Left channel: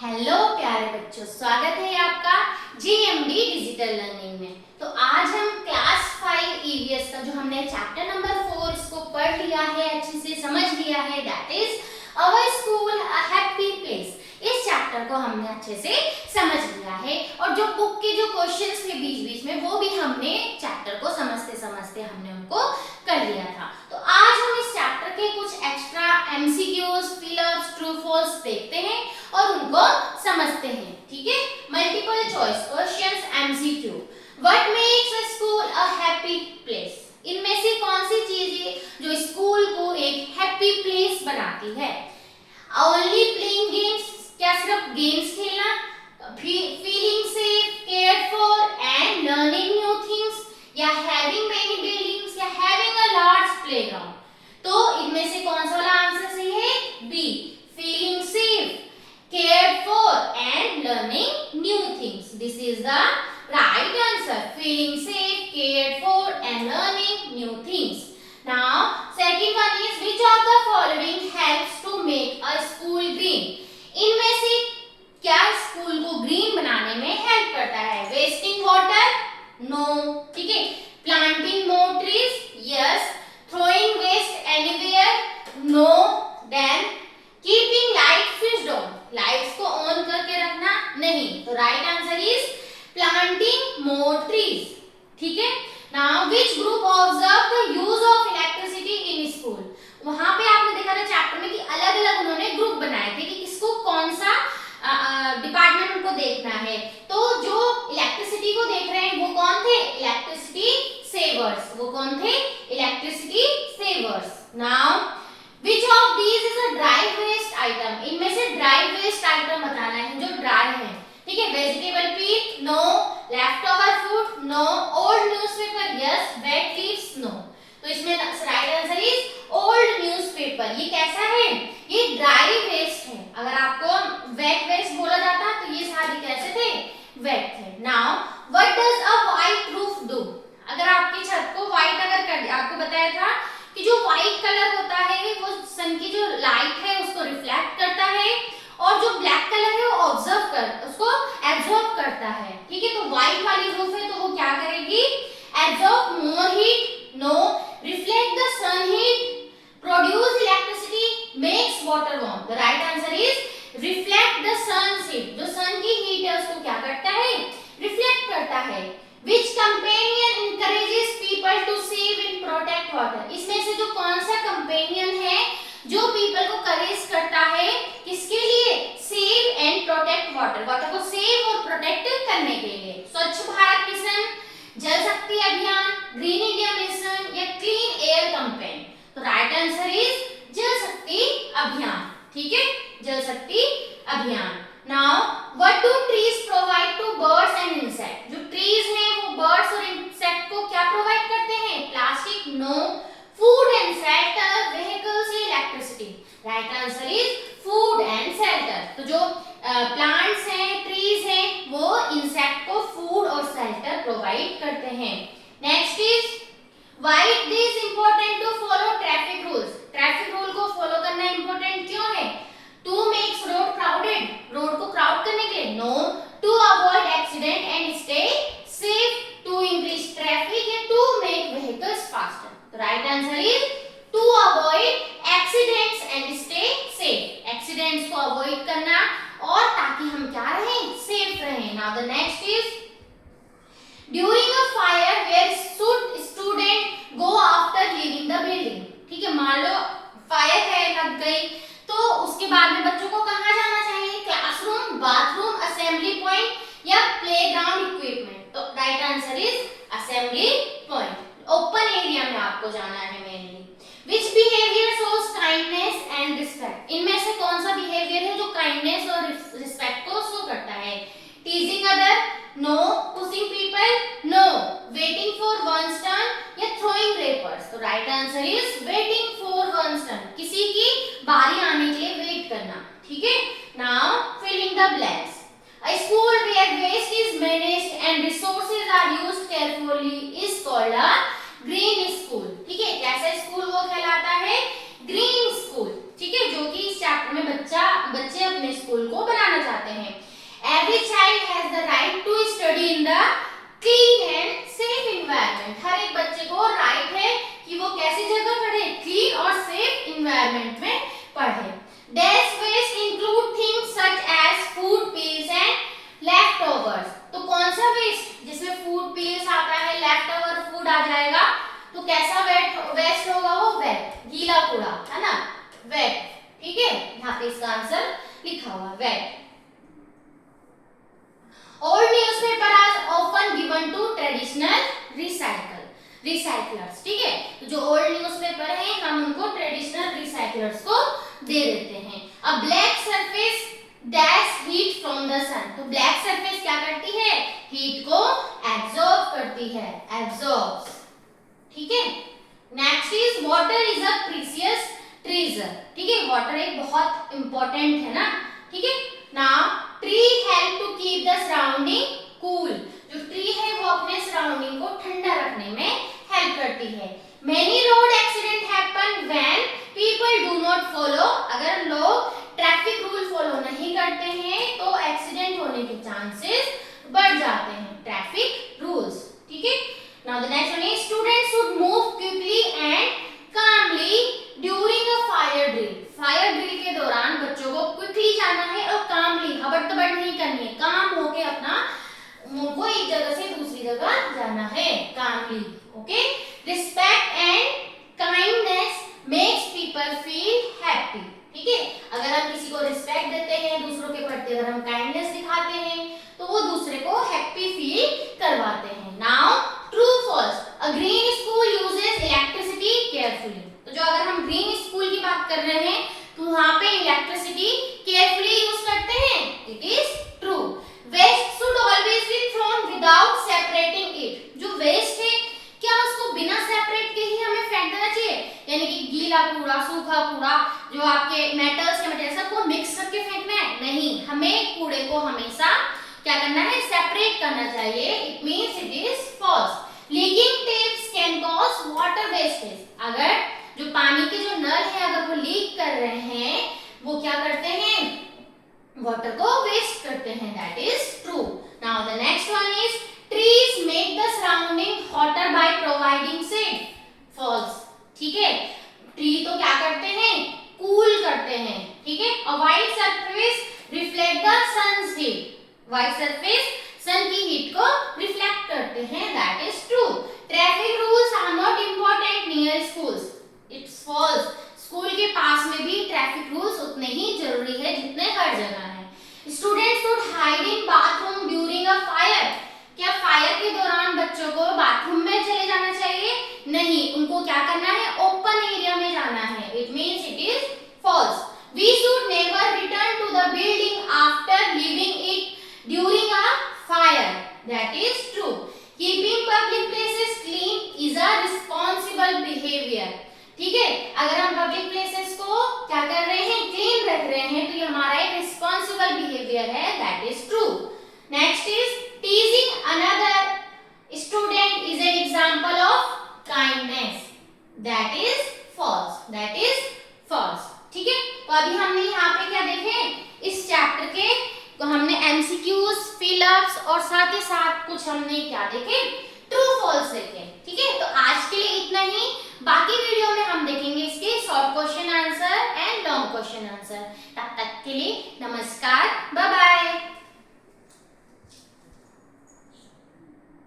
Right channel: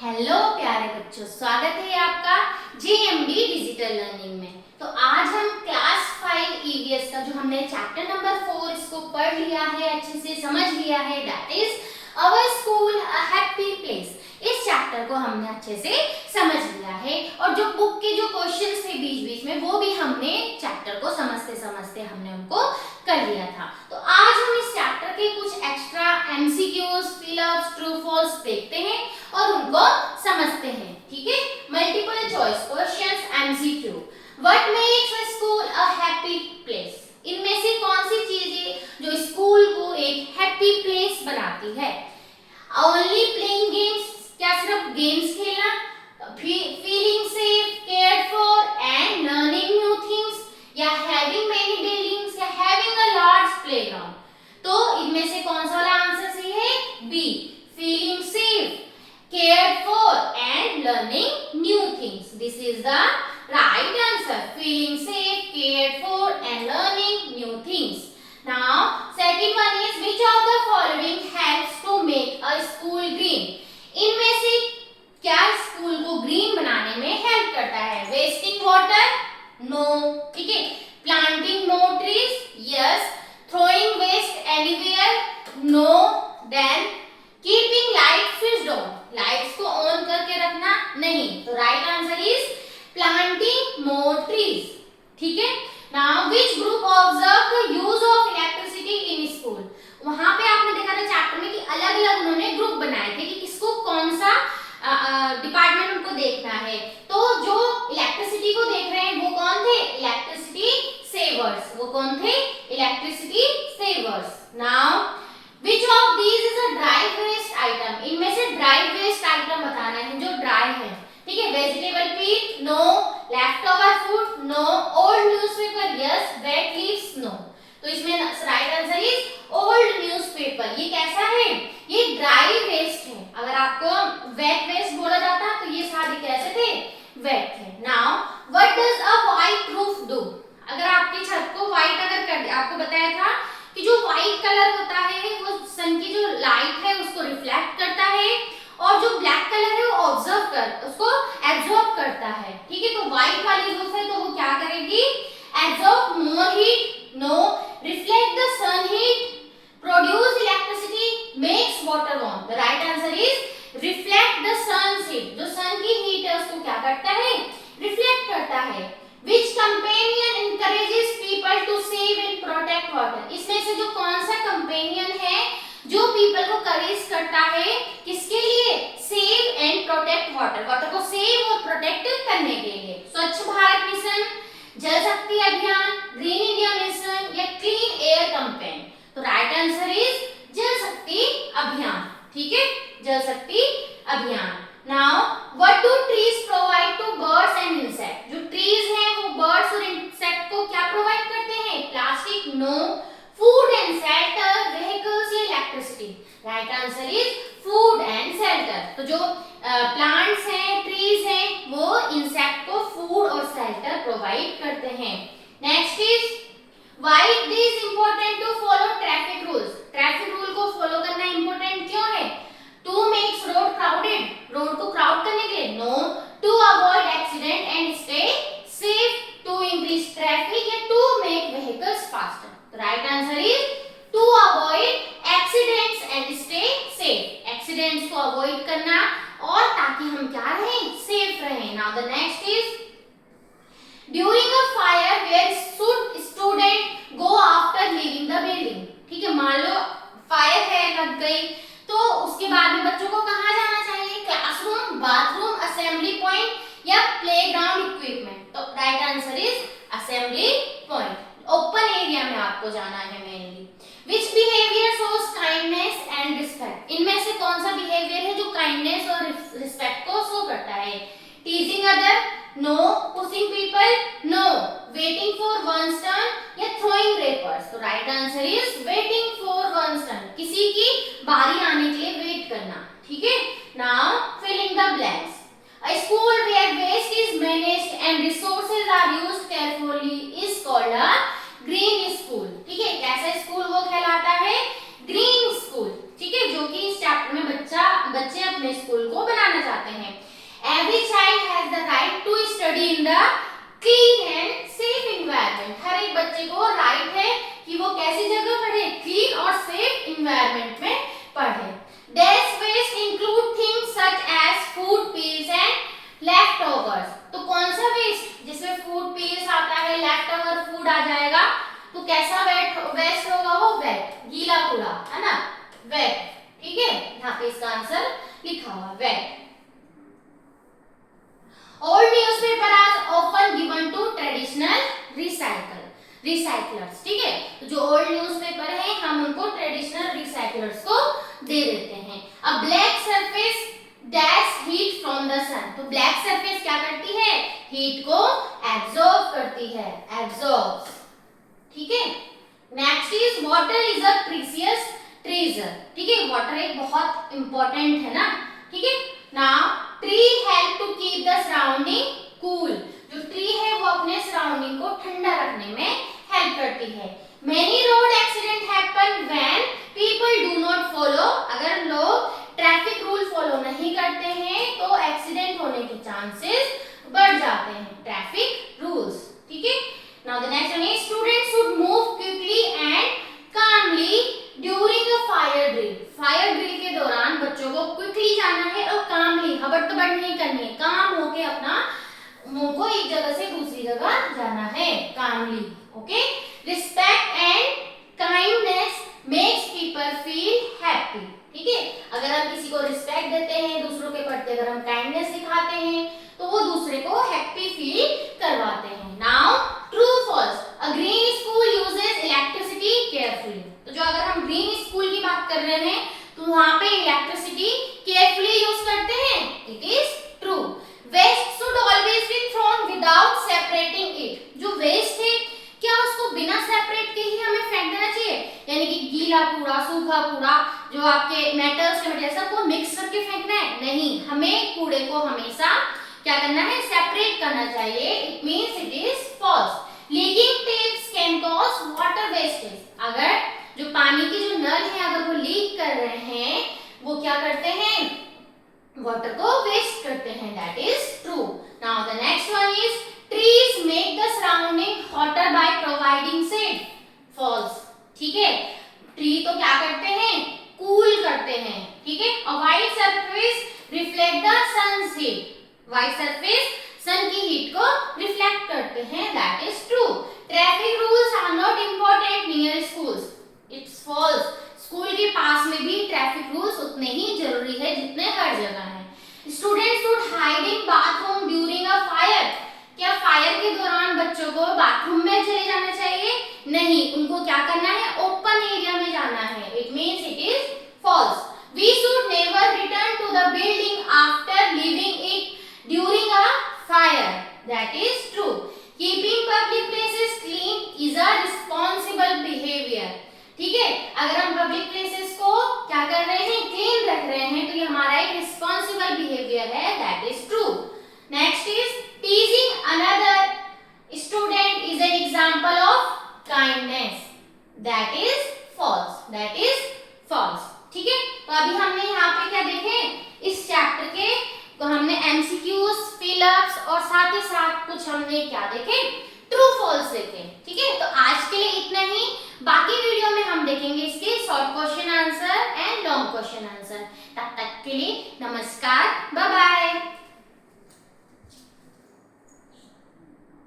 Hello प्यारे बच्चों, स्वागत है आपका जीएमडी डिजिटल लर्निंग में। तो आज हम क्लास 5 ईवीएस का जो हमने चैप्टर नंबर 4 इसको पढ़ लिया है, अच्छे से समझ लिया है, that is our school a happy place. इस चैप्टर को हमने अच्छे से समझ लिया है और जो बुक के जो क्वेश्चंस थे बीच बीच में वो भी हमने चैप्टर को समझते समझते हमने उनको कर लिया था। तो आज हम इस चैप्टर के कुछ extra MCQs, fill ups, true false देखते हैं और उनको समझते हैं। ठीक है, multiple choice questions, MCQ. What makes a school a happy place? इनमें से कौन सी चीजें जो स्कूल को एक हैप्पी प्लेस बनाती है? ओनली प्लेइंग गेम्स, क्या सिर्फ गेम्स खेलना? Feeling safe, cared for and learning new things, या हैविंग मेनी बिल्डिंग्स, या हैविंग अ लार्ज प्लेग्राउंड? तो इनमें से कौन सा वाला आंसर सही है? B, feeling safe, cared for and learning new things. This is the right answer. Feeling safe, cared for and learning new things. Now, second one is which of the following helps to make a school green? इनमें से क्या school को green बनाने में help करता है? Wasting water? No. ठीक है। Planting more trees? Yes. Throwing waste anywhere? No. Then keeping light switched on, lights को ऑन करके रखना? नहीं। तो right answer is planting more trees. ठीक है। Now which group observe the use of electricity in school? वहां पे आपने देखा था चैप्टर में कि अलग अलग उन्होंने ग्रुप बनाए थे कि किसको कौन सा डिपार्टमेंट उनको देखना है। तो जो इलेक्ट्रिसिटी को देख रहे हैं वो कौन थे? Electricity savers. वो कौन थे? Electricity savers. Now Which of these is a dry waste item? इनमें से dry waste item बताना है जो dry है। ठीक है। vegetable peel? No. leftover food? No. old newspaper? Yes. wet leaves? No. तो इसमें right answer is old newspaper। ये कैसा है? ये dry waste है। अगर आपको wet waste बोला जाता तो ये सारे कैसे थे? wet थे। Now what does a white roof do? अगर आपकी छत को white अगर कर आपको बताया था कि जो व्हाइट कलर होता है वो सन की जो लाइट है उसको रिफ्लेक्ट करता है और जो ब्लैक कलर है वो उसको एब्जॉर्ब करता है। ठीक है। तो व्हाइट वाली रूफ है तो वो क्या करेगी? Absorb more heat? No. Reflect the sun heat? Produce electricity? Makes water warm? The right answer is reflect the sun heat. जो सन की हीट है उसको क्या करता है? रिफ्लेक्ट करता है। Which companion encourages people to save and protect water? इसमें से जो कौन सा कंपेनियन है जो पीपल को करेज करता है किसके लिए? Save and protect water, water को सेव और प्रोटेक्ट करने के लिए। स्वच्छ भारत मिशन, जल शक्ति अभियान, ग्रीन इंडिया मिशन, या क्लीन एयर कैंपेन? तो राइट आंसर इज जल शक्ति अभियान। ठीक है, जल शक्ति अभियान। Now, what do trees provide to birds and insects? जो trees हैं वो birds और insect को क्या provide करते हैं? Plastic? No. Food and shelter, vehicles या electricity? Right answer is food and shelter. तो जो plants हैं, trees हैं, वो insect को food और shelter provide करते हैं। Next is why it is important to follow traffic rules? Traffic rule को follow करना important क्यों है? To makes road crowded, road को क्राउड करने के लिए? No. To avoid accident and stay safe, to increase traffic, या to make vehicles faster? Right answer is to avoid accidents and stay safe. Accidents को avoid करना और ताकि हम क्या रहें? सेफ रहें। Now the next is during a fire where should student go after leaving the building? ठीक है, मान लो फायर है लग गई तो उसके बाद में बच्चों को कहाँ जाना चाहिए? क्लासरूम, बाथरूम, असेंबली पॉइंट, या प्लेग्राउंड इक्विपमेंट? तो right answer is assembly point. Open area में आपको जाना है mainly. Which behaviour shows kindness and respect? इनमें से कौन सा बिहेवियर है जो काइंडनेस और रिस्पेक्ट को शो करता है? Teasing other? No. Pushing people? No. Waiting for one's turn, या थ्रोइंग रेपर्स? तो right answer is waiting for one's turn, किसी की बारी आने के लिए वेट करना। ठीक है। Now filling the blanks. A school where waste is managed and resources are used carefully is called a green school. ठीक है, कैसा स्कूल वो कहलाता है? Green school. ठीक है, जो कि इस चैप्टर में बच्चे अपने स्कूल को बनाना चाहते हैं। Every child has the right to study in the clean and safe environment. हर एक बच्चे को राइट है कि वो कैसी जगह पढ़े, क्लीन और सेफ इन्वायरमेंट में पढ़े। Desk waste include things such as food peels and leftovers। तो कौन सा वेस्ट, जिसमें फूड पील्स आता है, लेफ्टओवर फूड आ जाएगा, तो कैसा वेस्ट होगा वो, वेट, गीला कूड़ा है ना, वेट। ठीक है, यहाँ पे इसका आंसर लिखा हुआ wait. Old newspaper are often given to traditional recyclers। ठीक है, तो जो ओल्ड न्यूज़पेपर है हम उनको ट्रेडिशनल रिसाइकलर्स को दे देते हैं। अब black surface dash heat from the sun. तो ब्लैक सरफेस क्या करती है, हीट को एब्जॉर्ब करती है, एब्जॉर्ब्स। ठीक है, next is water is a precious treasure. ठीक है, वाटर एक बहुत इंपॉर्टेंट है ना। ठीक है, now tree help to keep the surrounding cool. जो ट्री है वो अपने सराउंडिंग को ठंडा रखने में हेल्प करती है। Many road accident happen when people do not follow. अगर लोग ट्रैफिक रूल फॉलो नहीं करते हैं तो एक्सीडेंट होने के चांसेस बढ़ जाते हैं, ट्रैफिक रूल्स। ठीक है, now the next one is students should move quickly and calmly during a fire drill. Fire drill के दौरान बच्चों को क्विकली जाना है और कामली, हबड़-तबड़ नहीं करनी है, काम होके अपना को एक जगह से दूसरी जगह जाना है, calmly. Okay, respect and kindness makes people feel happy. ठीक है, अगर हम किसी को रिस्पेक्ट देते हैं, दूसरों के प्रति अगर हम काइंडनेस दिखाते हैं तो वो दूसरे को हैप्पी फील करवाते हैं। Now true false, a green school uses electricity carefully. तो जो अगर हम ग्रीन स्कूल की बात कर रहे हैं तो वहां पे इलेक्ट्रिसिटी केयरफुली यूज करते हैं, it is true. Waste should always be thrown without separating it. जो वेस्ट है क्या उसको बिना सेपरेट के ही हमें फेंक देना चाहिए, यानी कि गीला कूड़ा, सूखा कूड़ा, जो आपके मेटल्स के मटेरियल सबको मिक्स करके फेंकना है? नहीं, हमें कूड़े को हमेशा क्या करना है, सेपरेट करना चाहिए। It means it is false. Leaking taps can cause water wastage. अगर जो पानी के जो नल है अगर वो लीक कर रहे हैं, वो क्या करते हैं, वाटर को वेस्ट करते हैं, that is true. Now the next one is trees make the surrounding hotter by providing shade. False. ठीक है, ट्री तो क्या करते हैं, कूल करते हैं। ठीक है, और white surface reflect the sun's heat. White surface sun की हीट को रिफ्लेक्ट करते हैं, that is true. Traffic rules are not important near schools, it's false. School के पास में भी ट्रैफिक रूल्स उतने ही जरूरी है जितने हर जगह है। Students should hide in bathroom during a fire. क्या फायर के दौरान बच्चों को बाथरूम में चले जाना चाहिए? नहीं, उनको क्या करना है, ओपन एरिया में जाना है, it means it is false. We should never return to the building after leaving it during a fire, that is true. Keeping public places clean is a responsible behaviour. ठीक है, अगर हम public places को क्या कर रहे हैं, clean रख रहे हैं, तो ये हमारा एक रिस्पांसिबल बिहेवियर है, that is true. Next is teasing another student is an example of kindness, that is false, that is false. ठीक है, तो अभी हमने यहाँ पे क्या देखे, इस चैप्टर के तो हमने एमसीक्यूज, फिलअप्स और साथ ही साथ कुछ हमने क्या देखे, ट्रू फॉल्स देखे। ठीक है, तो आज के लिए इतना ही। बाकी वीडियो में हम देखेंगे इसके short question answer and long question answer. तब तक के लिए नमस्कार, बाय बाय।